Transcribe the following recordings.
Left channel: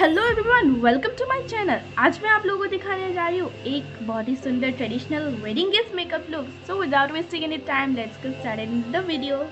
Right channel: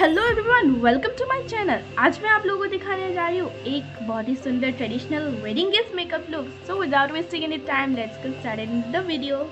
Hello everyone, welcome to my channel. आज मैं आप लोगों को दिखाने जा रही हूँ एक बहुत ही सुंदर traditional wedding guest makeup look. So without wasting any time, let's get started in the video.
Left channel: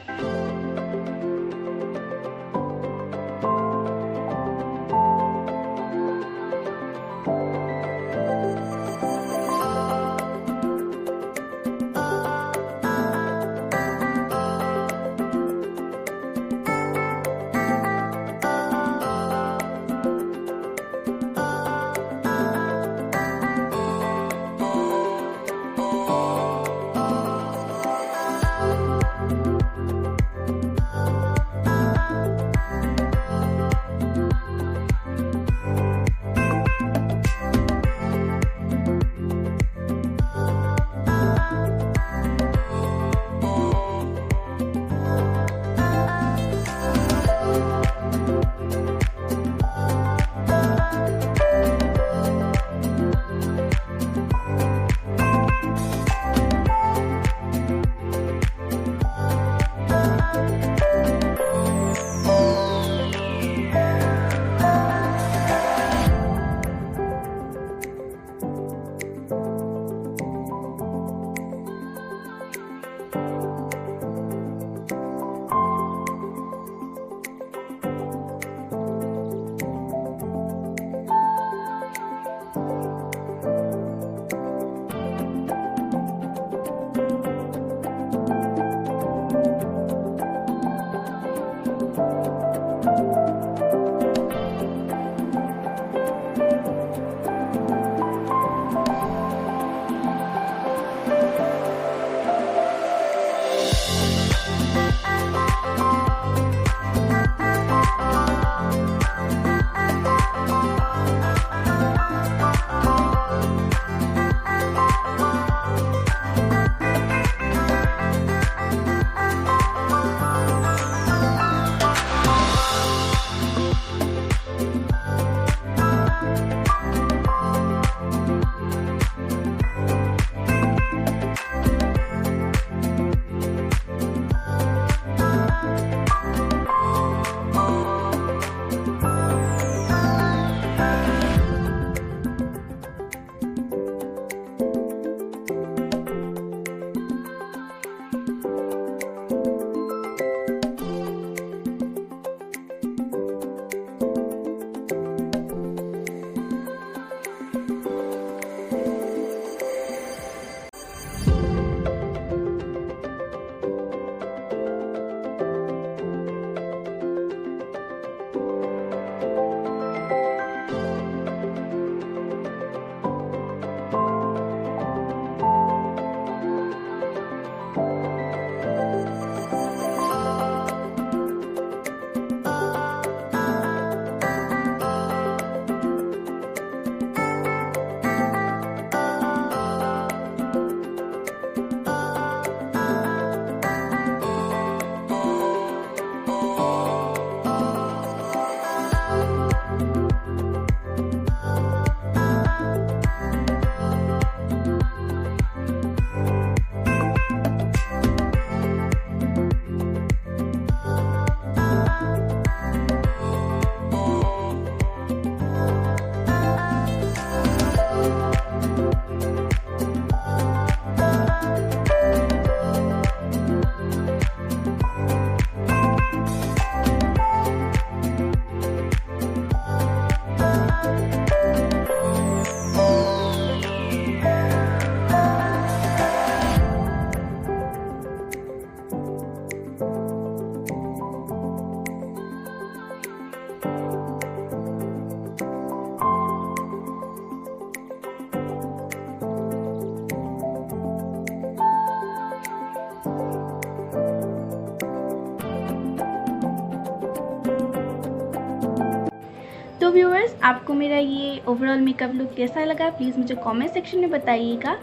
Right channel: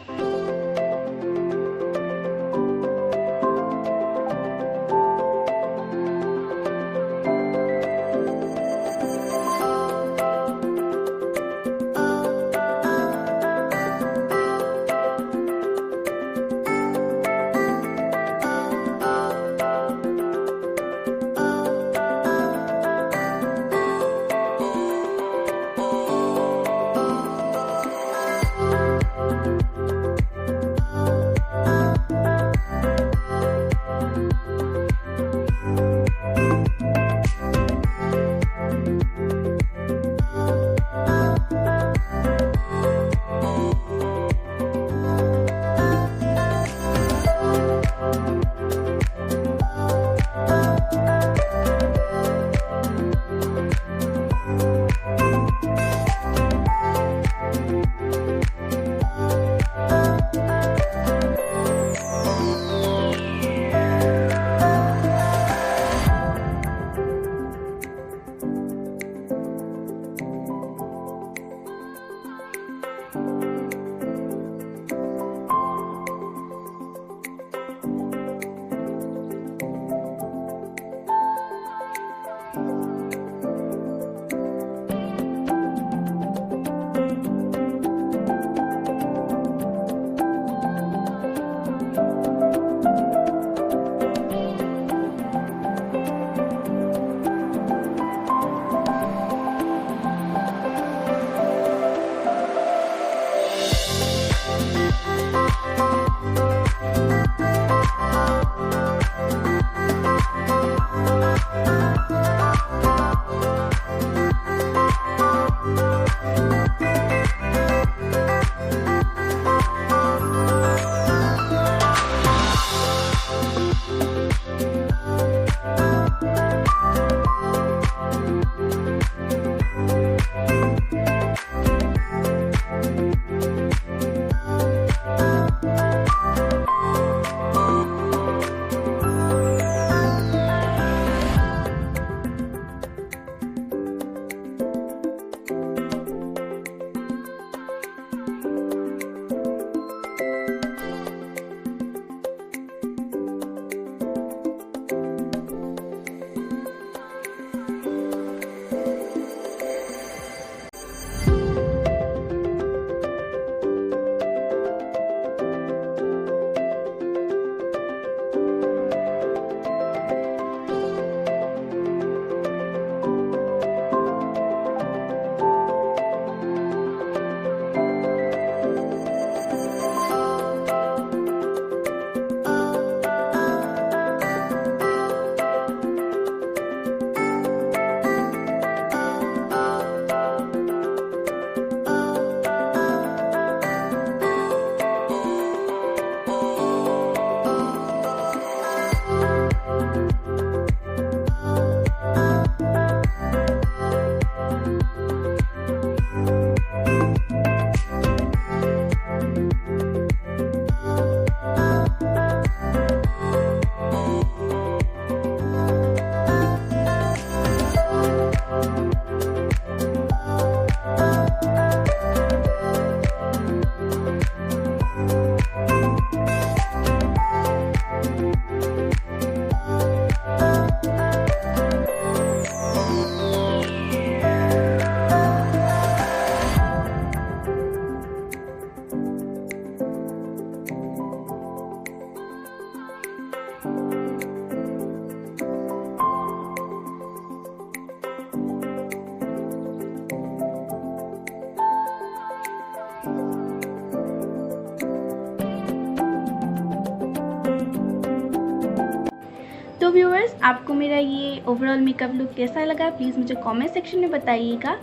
तो व्यूअर्स, आपको मेरा ये ओवरऑल मेकअप लुक कैसा लगा प्लीज़ मुझे कमेंट सेक्शन में बताइएगा।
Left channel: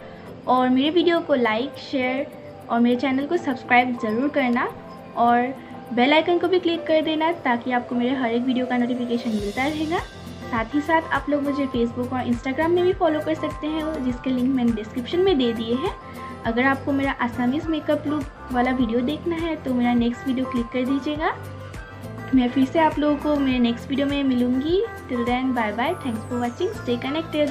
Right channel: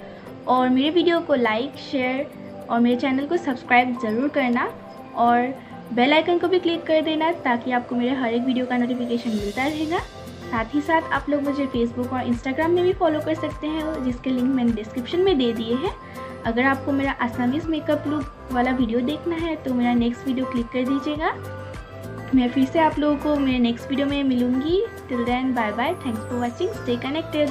और मेरे वीडियो को लाइक, शेयर और मेरे चैनल को सब्सक्राइब ज़रूर करना और बेल आइकन को भी क्लिक कर देना ताकि आपको मेरे हर एक वीडियो का नोटिफिकेशन मिलता रहेगा। साथ ही साथ आप लोग मुझे फेसबुक और इंस्टाग्राम में भी फॉलो कर सकते हैं, जिसके लिंक मैंने डिस्क्रिप्शन में दे दिए हैं। अगर आपको मेरा आसामीज़ मेकअप लुक वाला वीडियो देखना है तो मेरा नेक्स्ट वीडियो क्लिक कर दीजिएगा। मैं फिर से आप लोगों को मेरे नेक्स्ट वीडियो में मिलूँगी। Till then bye bye, thanks for watching, stay connected.